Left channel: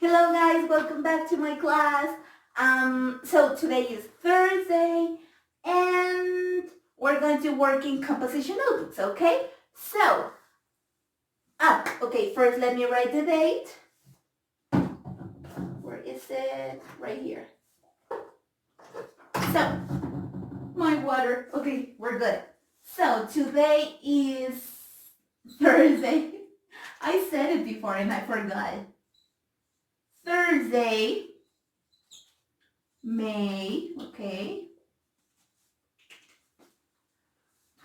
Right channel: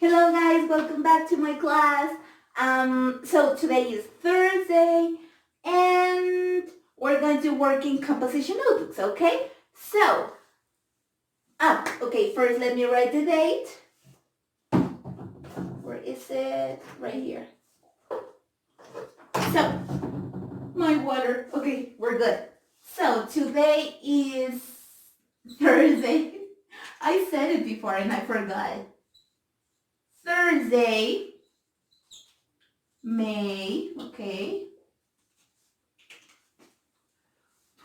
Hello guys, welcome back to my class. So today is Thursday and we're going to work in composition notebooks, okay? So, okay, first let me write the date. Where is it? Right here. So, my water. Okay, we're good. So today is Thursday. I said it before and I forgot. Thursday, May, okay,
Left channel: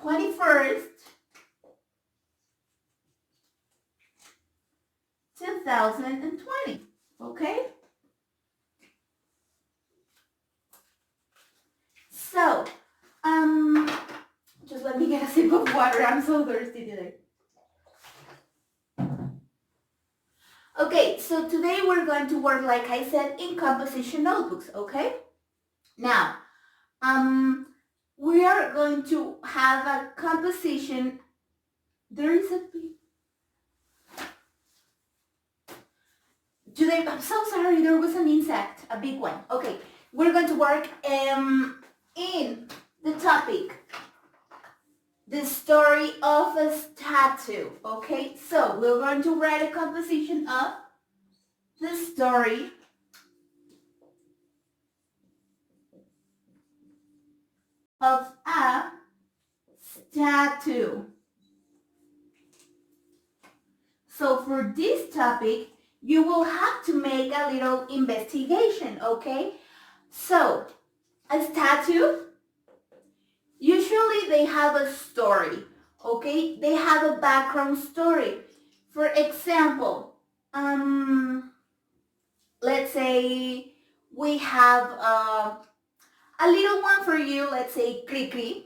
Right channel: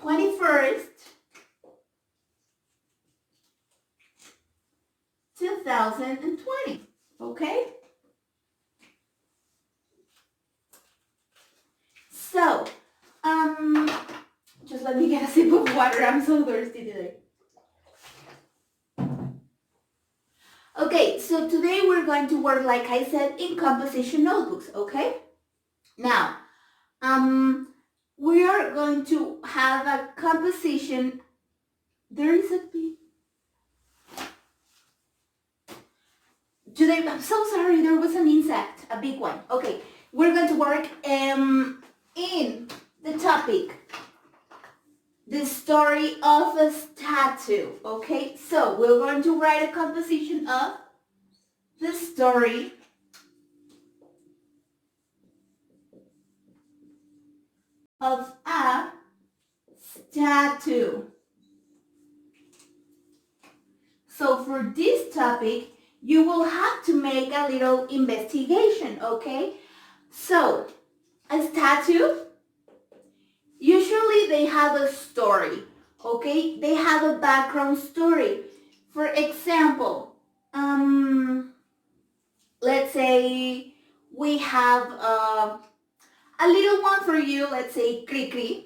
21st, 2020, okay? So, just let me get a sip of water. I'm so thirsty today. Okay, so today we're going to work, like I said, in composition notebooks, okay? Now, we are going to have a composition. There is a big... Today, I'm so sorry, there was an insect, a big one. Okay, we're going to work in the topic, the story of a statue, okay? So we're going to write a composition of the story of a statue. So for this topic, you will have to make a little investigation, okay? So, a statue, usually they have a story, okay? They have a background story. For example, let's say we have a little one for you, let's say Cricri.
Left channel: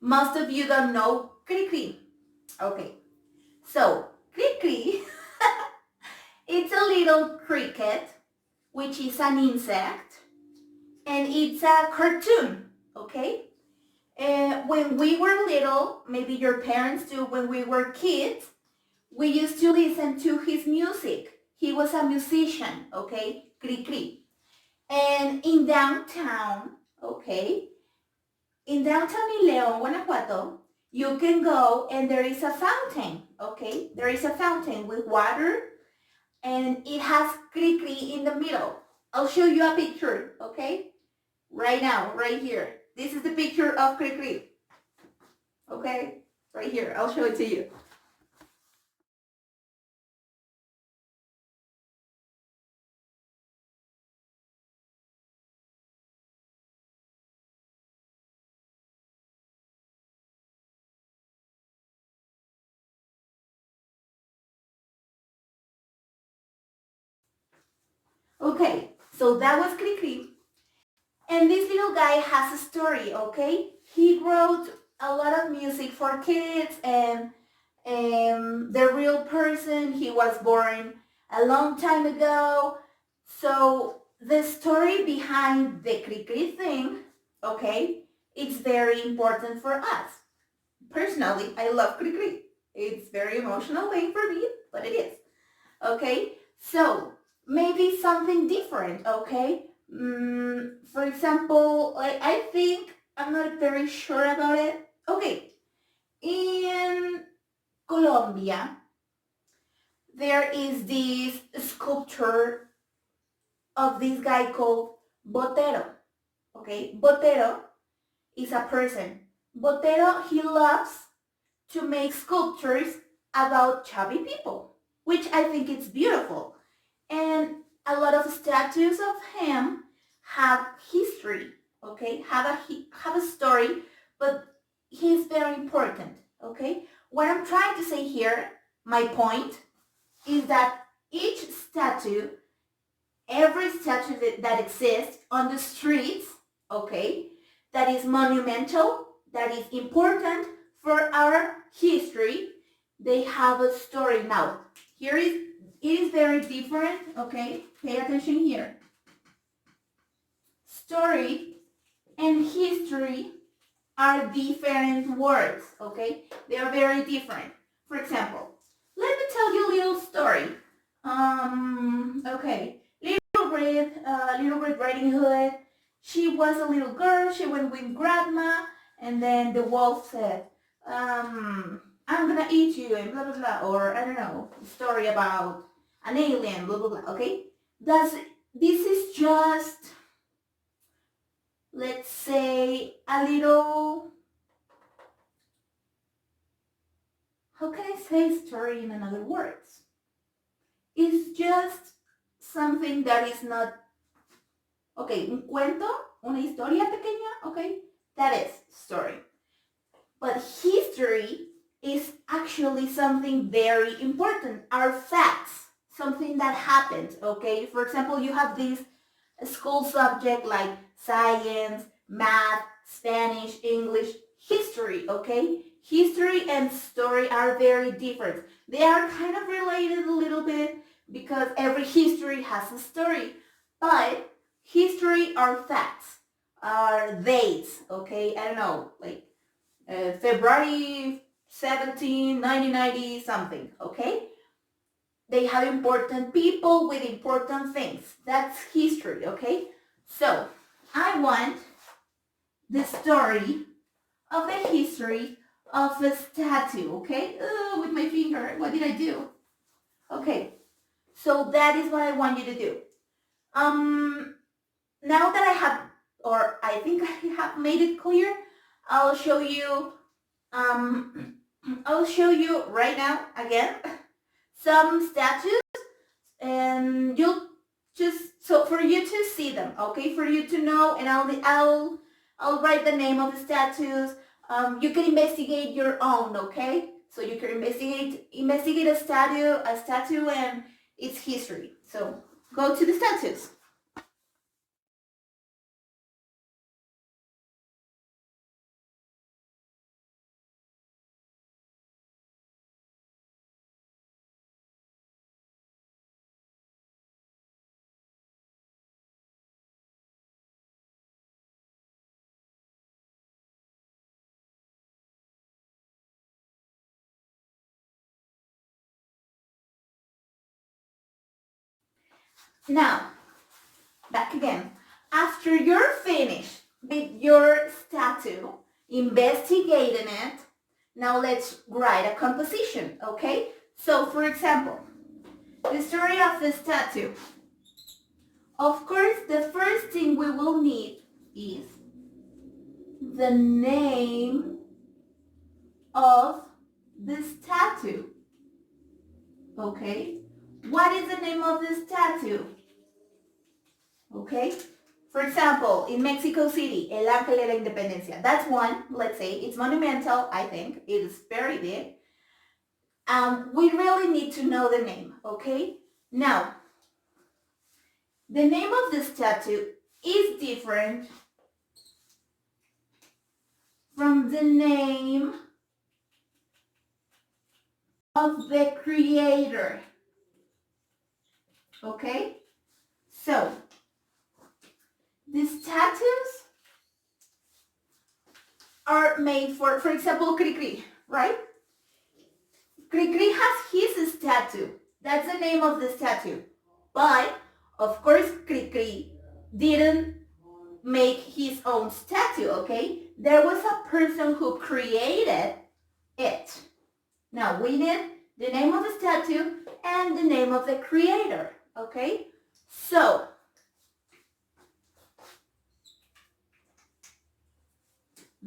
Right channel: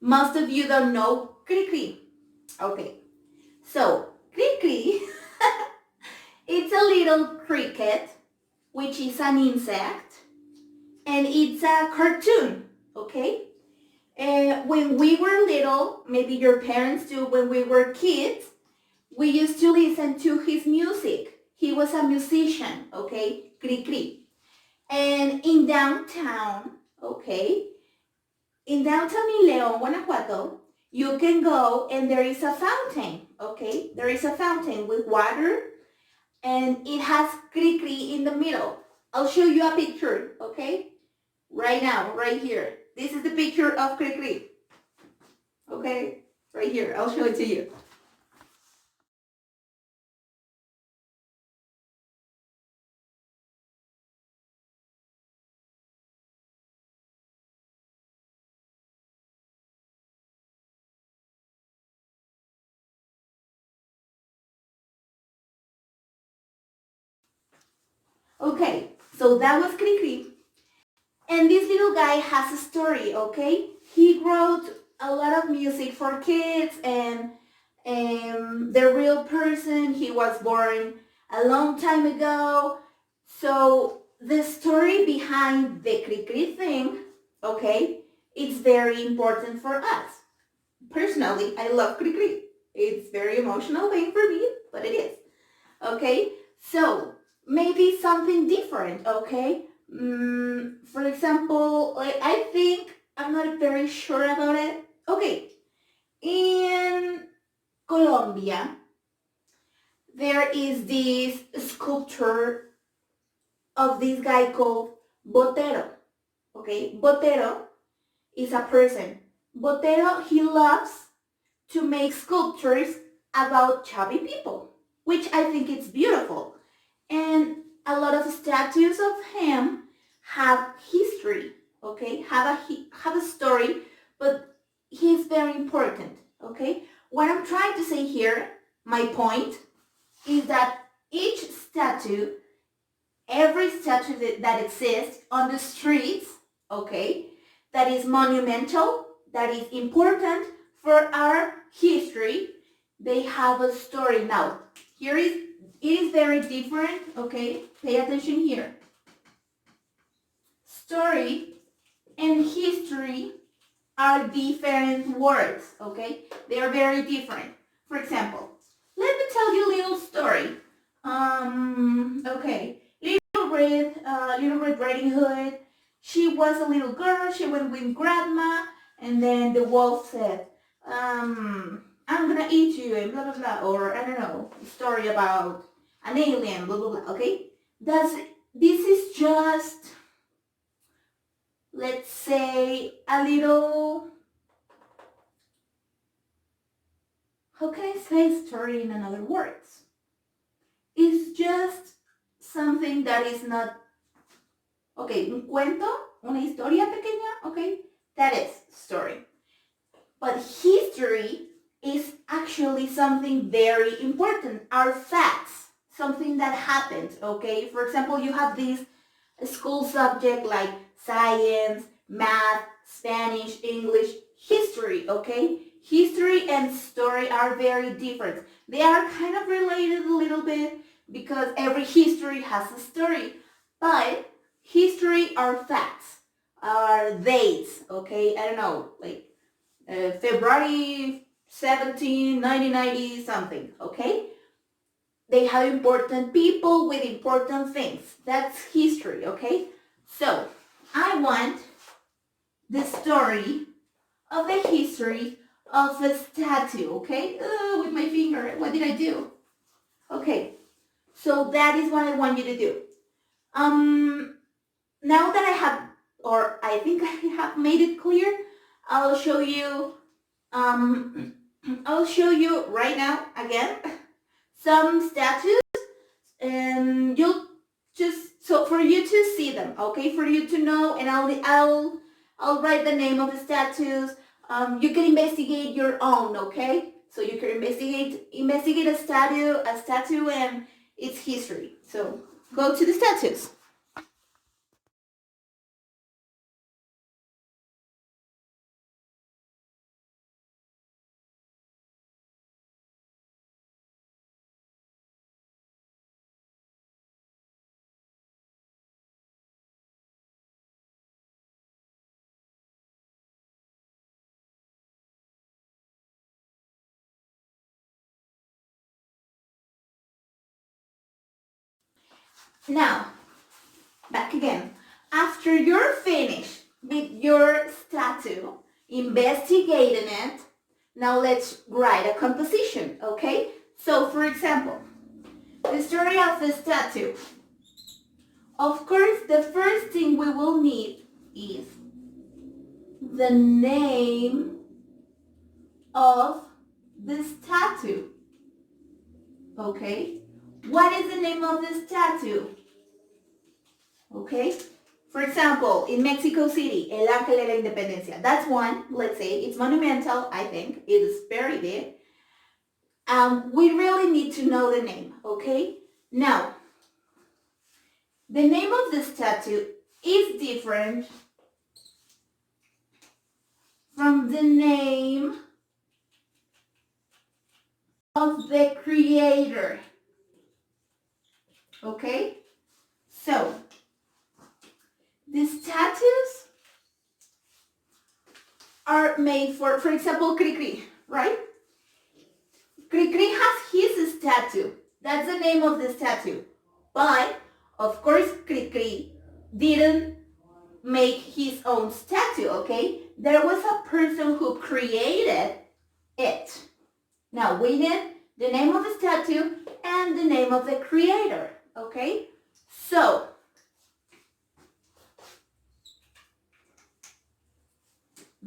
Most of you don't know Cricri. Okay, so Cricri, it's a little cricket, which is an insect, and it's a cartoon, okay? When we were little, maybe your parents do, when we were kids, we used to listen to his music. He was a musician, okay? Cricri. And in downtown, okay, in downtown in León, Guanajuato, you can go and there is a fountain, okay? There is a fountain with water and it has Cricri in the middle. I'll show you a picture, okay? Right now, right here. This is the picture of Cricri, okay? Right here, I'll show it to you. Okay, so that was Cricri. And this little guy has a story, okay? He wrote a lot of music for kids and the real person, he was born a long time ago. So the story behind the Cricri thing, okay, it's very important for us. Personally, I love Cricri. It's very emotional thing for me, but it is. Okay, so maybe something different, okay? For example, like I think, I'm not very sure about it. Okay, in Colombia, there is this sculpture of this guy called Botero, okay? Botero is a person. Botero, he loves to make sculptures about chubby people, which I think is beautiful. And a lot of statues of him have history, okay? Have a story, but he's very important, okay? What I'm trying to say here, my point, is that each statue, every statue that exists on the streets, okay, that is monumental, that is important for our history, they have a story. Now, it is very different, okay? Pay attention here. Story and history are different words, okay? They are very different. For example, let me tell you a little story. Okay. Little Red Riding Hood. She was a little girl. She went with grandma, and then the wolf said, I'm gonna eat you, and blah blah blah, or I don't know, story about an alien, blah blah blah. Okay. Does this is just, let's say, a little, how can I say story in another words? It's just something that is not, okay, un cuento, una historia pequeña, okay, that is story. But history is actually something very important, are facts, something that happened, okay? For example, you have this school subject like science, math, Spanish, English, history, okay? History and story are very different. They are kind of related a little bit because every history has a story, but history are facts, are dates, okay? I don't know, like February 17, 1990 something, okay? They have important people with important things. That's history, okay? So, I want the story of the history of a statue, okay? With my finger, what did I do? Okay, so that is what I want you to do. Now that I have, or I think I have made it clear, I'll show you, I'll show you right now again some statues, and you'll just, so for you to see them, okay, for you to know, and I'll write the name of the statues. You can investigate your own, okay? So you can investigate a statue and its history. So go to the statues. Now, back again. After you're finished with your statue, investigating it, now let's write a composition, okay? So, for example, the story of the statue. Of course, the first thing we will need is the name of the statue, okay? What is the name of the statue? Okay? For example, in Mexico City, El Ángel de la Independencia. That's one, let's say. It's monumental, I think. It is very big. We really need to know the name, okay? Now, the name of the statue is different from the name of the creator, okay? So, the statues are made for example, Cricri, right? Cricri has his statue. That's the name of the statue. But, of course, Cricri didn't make his own statue, okay? There was a person who created it. Now, we need the name of the statue and the name of the creator, okay? So,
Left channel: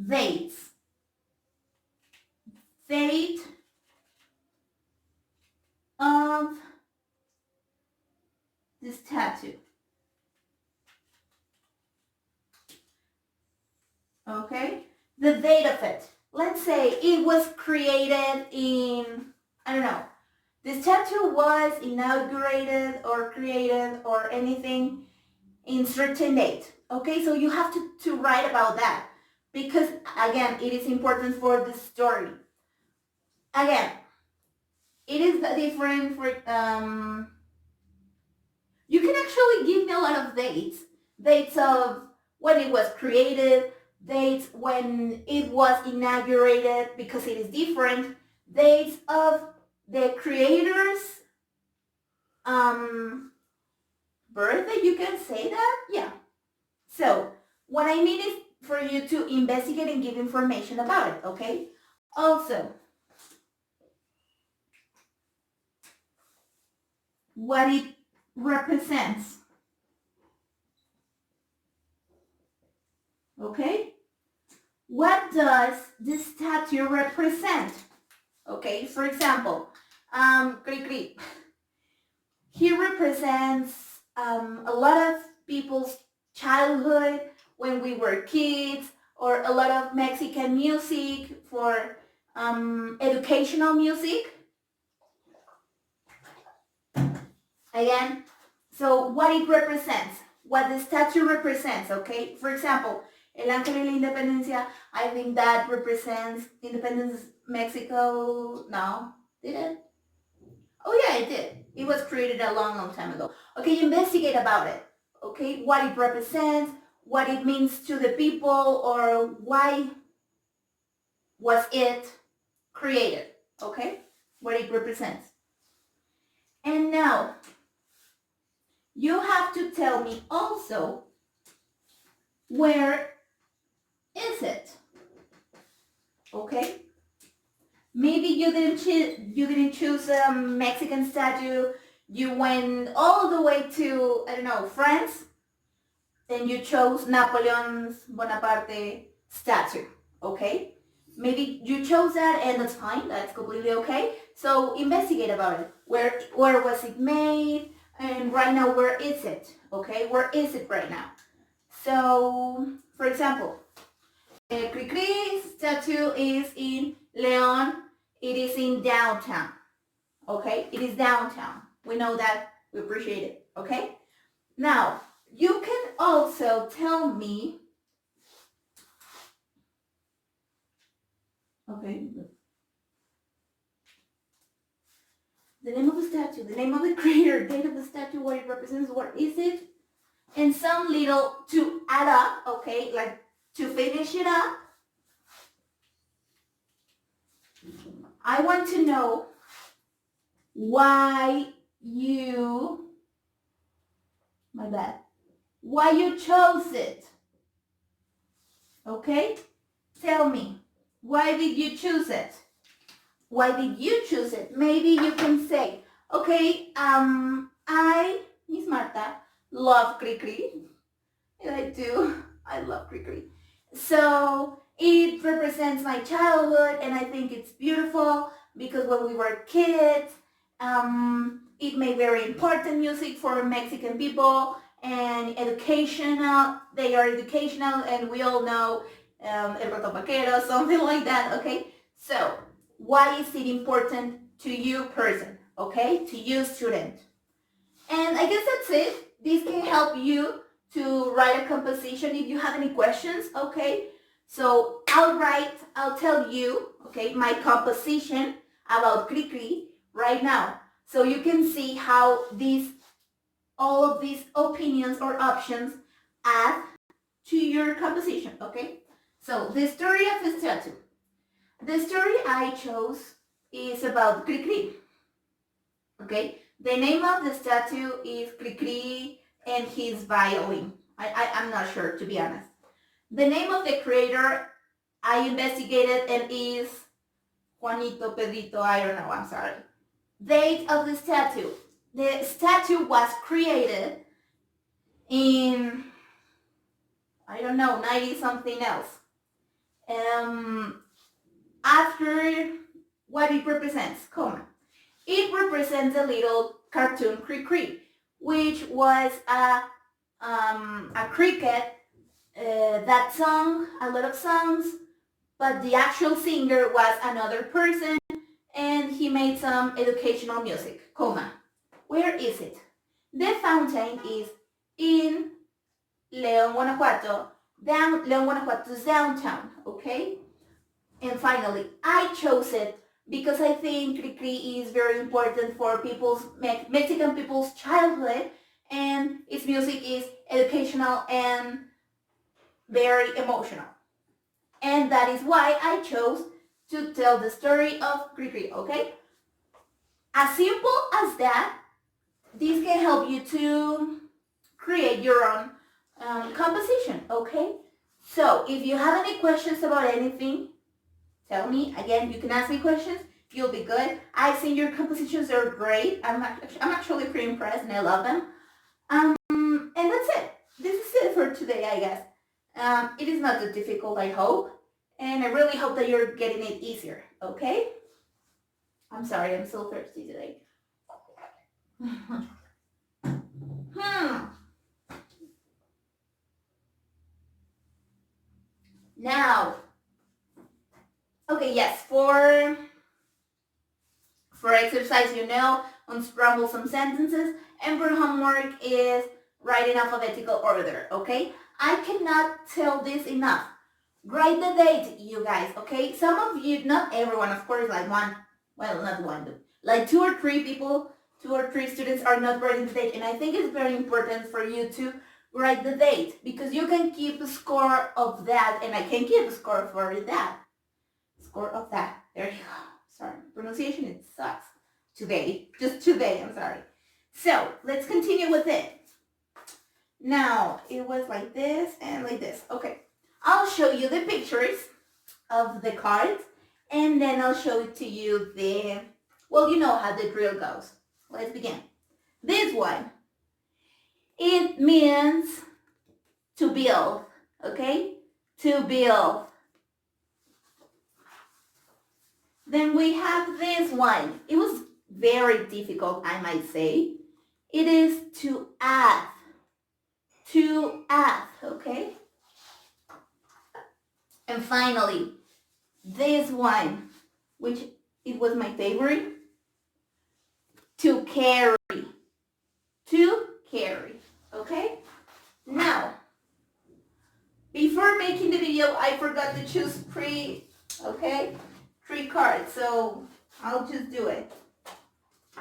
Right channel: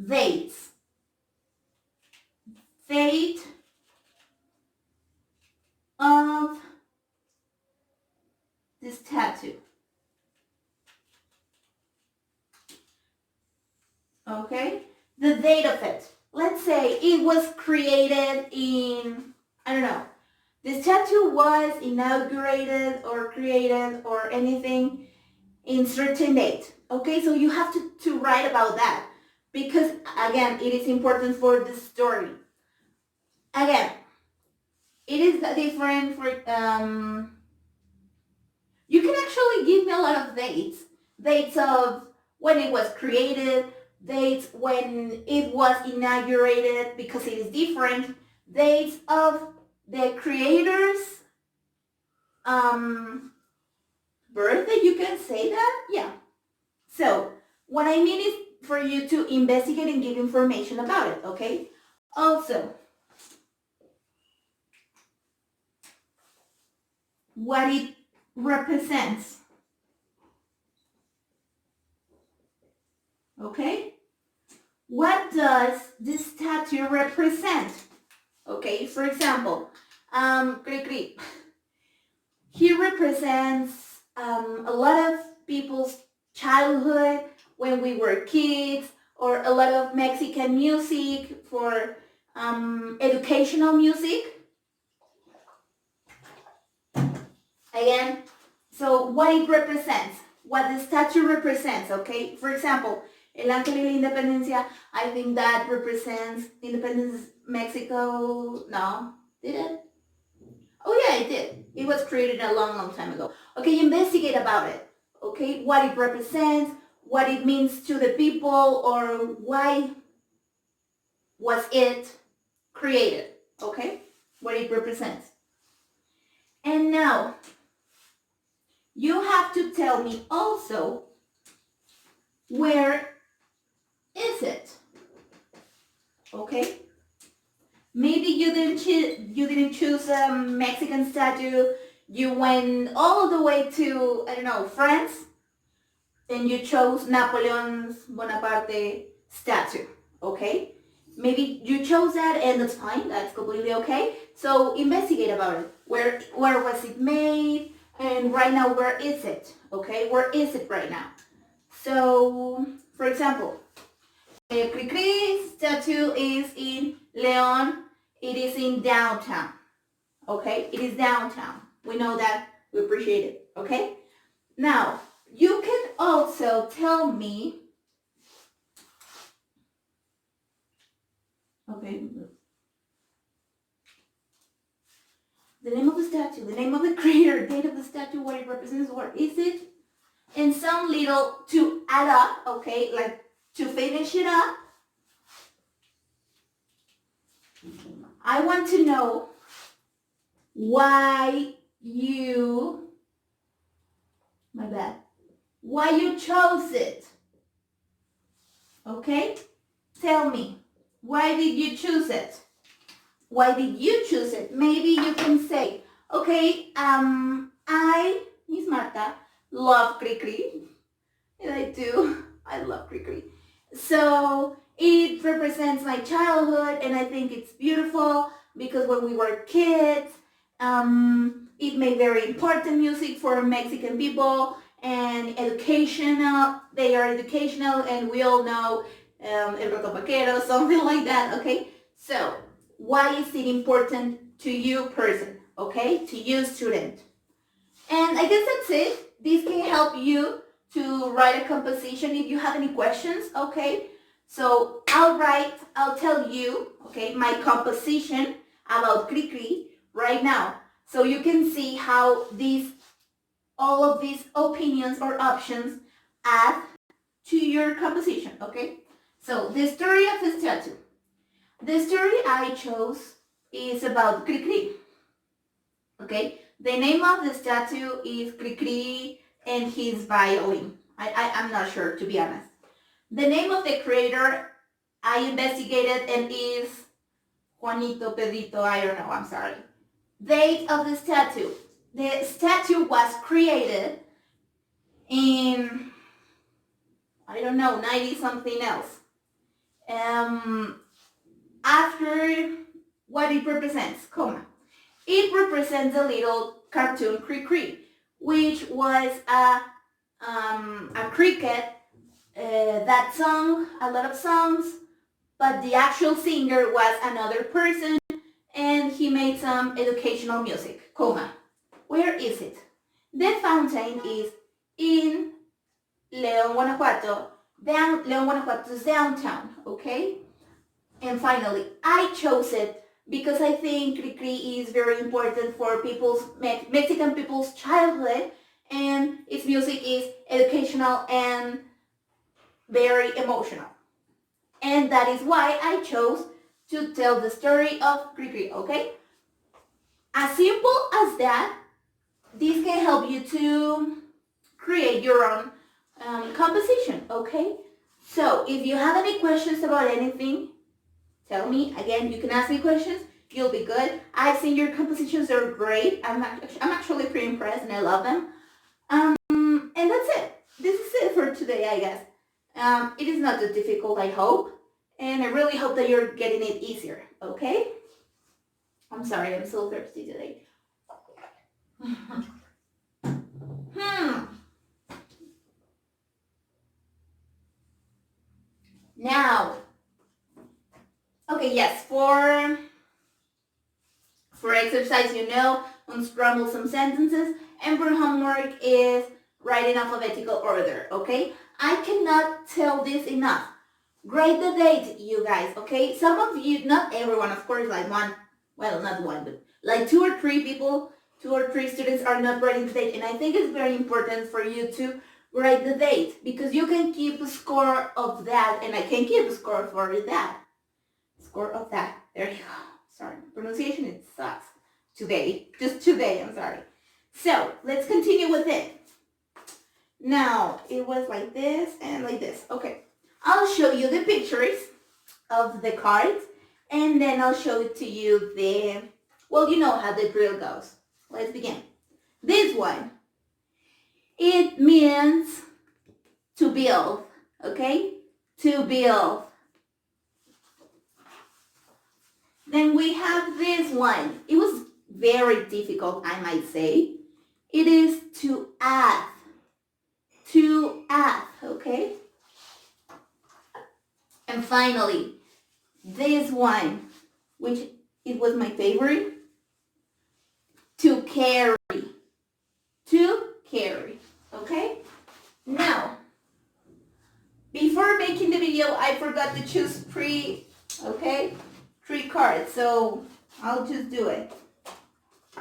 dates. Date of the statue. Okay? The date of it. Let's say it was created in, I don't know, the statue was inaugurated or created or anything in certain date. Okay, so you have to write about that because, again, it is important for the story. Again, it is different for, you can actually give me a lot of dates. Dates of when it was created, dates when it was inaugurated because it is different, dates of the creators, birthday, you can say that? Yeah. So what I mean is for you to investigate and give information about it, okay? Also, what it represents, okay? What does this statue represent? Okay, for example, Cricri, he represents a lot of people's childhood when we were kids, or a lot of Mexican music for educational music. Again, so what it represents, what the statue represents, okay? For example, El Ángel y la Independencia, I think that represents Independence Mexico. No, did it? Oh yeah, it did. It was created a long, long time ago. Okay, investigate about it. Okay, what it represents, what it means to the people, or why was it created, okay? What it represents. And now, you have to tell me also, where is it? Okay? Maybe you didn't choose a Mexican statue. You went all the way to, I don't know, France, and you chose Napoleon Bonaparte statue. Okay? Maybe you chose that, and that's fine. That's completely okay. So investigate about it. Where was it made? And right now, where is it? Okay? Where is it right now? So, for example, Cricri statue is in León. It is in downtown. Okay? It is downtown. We know that. We appreciate it. Okay? Now, you can also tell me. Okay. The name of the statue, the name of the creator, date of the statue, what it represents, where is it? And some little to add up, okay? Like to finish it up. I want to know why you, why you chose it. Okay? Tell me, why did you choose it? Why did you choose it? Maybe you can say, okay, I, Miss Marta, love Cricri. And I do. I love Cricri. So it represents my childhood, and I think it's beautiful because when we were kids, it made very important music for Mexican people and educational. They are educational, and we all know El Ratón Vaquero, something like that, okay? So why is it important to you person, okay? To you student. And I guess that's it. This can help you to write a composition if you have any questions, okay? So I'll tell you, okay, my composition about Cricri right now. So you can see how all of these opinions or options add to your composition, okay? So the story of the statue. The story I chose is about Cricri, okay? The name of the statue is Cricri and his violin. I'm not sure, to be honest. The name of the creator I investigated and is Juanito, Pedrito, I don't know, I'm sorry. Date of the statue. The statue was created in, I don't know, 90 something else. After what it represents, it represents a little cartoon Cricri, which was a cricket that sung a lot of songs, but the actual singer was another person, and he made some educational music, Where is it? The fountain is in León, Guanajuato, León, Guanajuato's downtown, okay? And finally, I chose it because I think Cricri is very important for Mexican people's childhood, and its music is educational and very emotional. And that is why I chose to tell the story of Cricri, okay? As simple as that, this can help you to create your own composition, okay? So if you have any questions about anything, tell me. Again, you can ask me questions. You'll be good. I've seen your compositions are great. I'm actually pretty impressed and I love them. And that's it. This is it for today, I guess. It is not too difficult, I hope. And I really hope that you're getting it easier, okay? I'm sorry, I'm so thirsty today. Now, okay, yes, for exercise, unscramble some sentences, and for homework is write in alphabetical order, okay? I cannot tell this enough. Write the date, you guys, okay? Some of you, not everyone, of course, like one, well, not one, but like 2 or 3 people, 2 or 3 students are not writing the date, and I think it's very important for you to write the date, because you can keep a score of that, and I can keep a score for that. Score of that. There you go. Sorry, pronunciation, it sucks. Just today, I'm sorry. So, let's continue with it. Now, it was like this and like this. Okay, I'll show you the pictures of the cards, and then I'll show it to you well, you know how the drill goes. Let's begin. This one, it means to build, okay? To build. Then we have this one. It was very difficult, I might say. It is to add. To add, okay? And finally, this one, which it was my favorite, to carry. To carry, okay? Now, before making the video, I forgot to choose three cards, so I'll just do it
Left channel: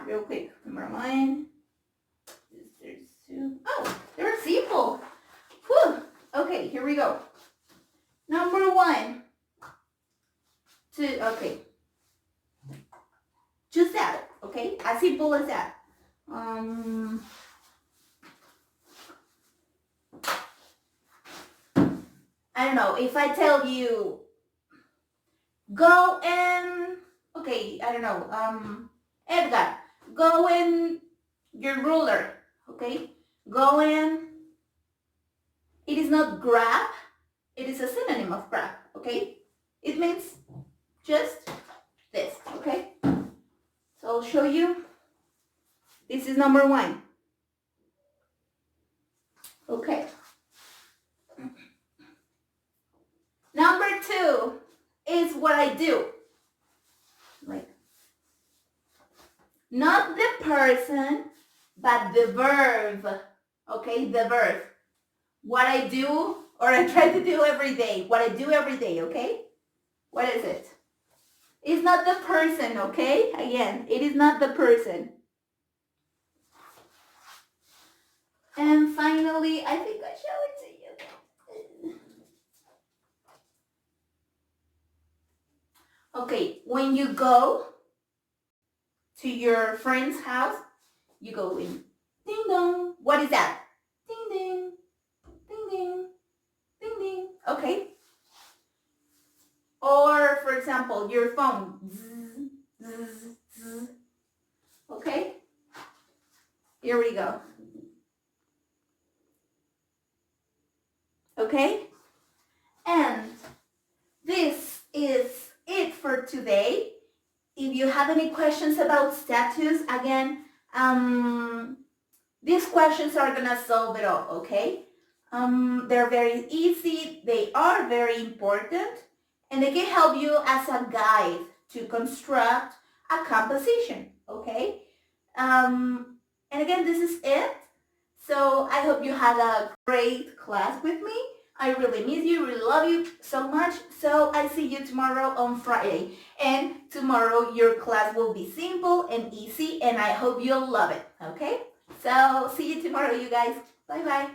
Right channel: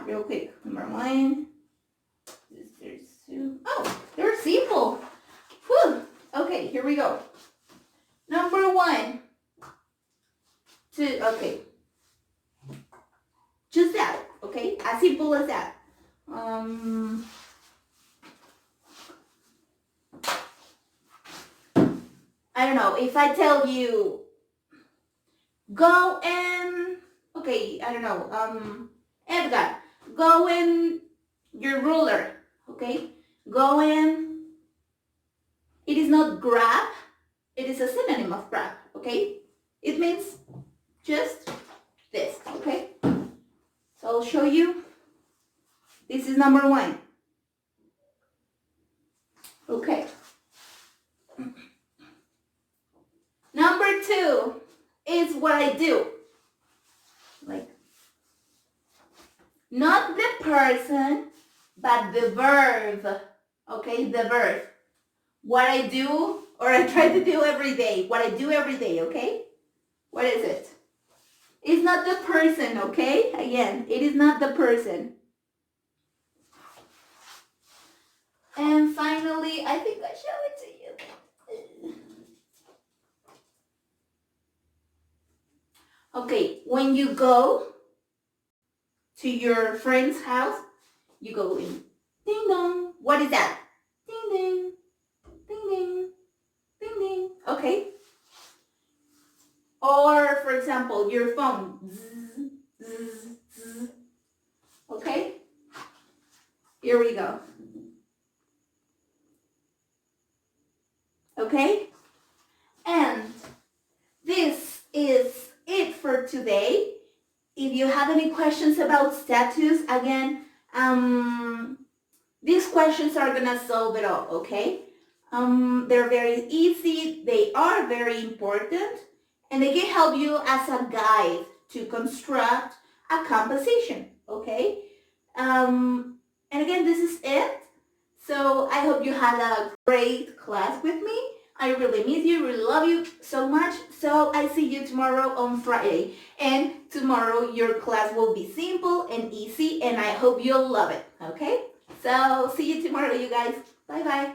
real quick. Number 1, there's 2. Oh, they're simple. Whew. Okay, here we go. Number 1, 2. Okay, just that. Okay, as simple as that. I don't know, if I tell you go and, okay, I don't know, Edgar, go and your ruler, okay? Go and, it is not grab, it is a synonym of grab, okay? It means just this, okay? So I'll show you. This is number 1. Okay. Number 2 is what I do. Like, not the person, but the verb. Okay, the verb. What I do, or I try to do every day. What I do every day, okay? What is it? It's not the person, okay? Again, it is not the person. And finally, I think I show it to you. Okay, when you go to your friend's house, you go in, ding dong. What is that? Ding ding, ding ding, ding ding. Okay. Or, for example, your phone. Zzz, zzz, zzz. Okay? Here we go. Okay? And this is it for today. If you have any questions about status, again, these questions are gonna solve it all, okay? They're very easy, they are very important, and they can help you as a guide to construct a composition, okay? And again, this is it. So I hope you had a great class with me. I really miss you, really love you so much. So I see you tomorrow on Friday. And tomorrow your class will be simple and easy, and I hope you'll love it, okay? So see you tomorrow, you guys. Bye-bye.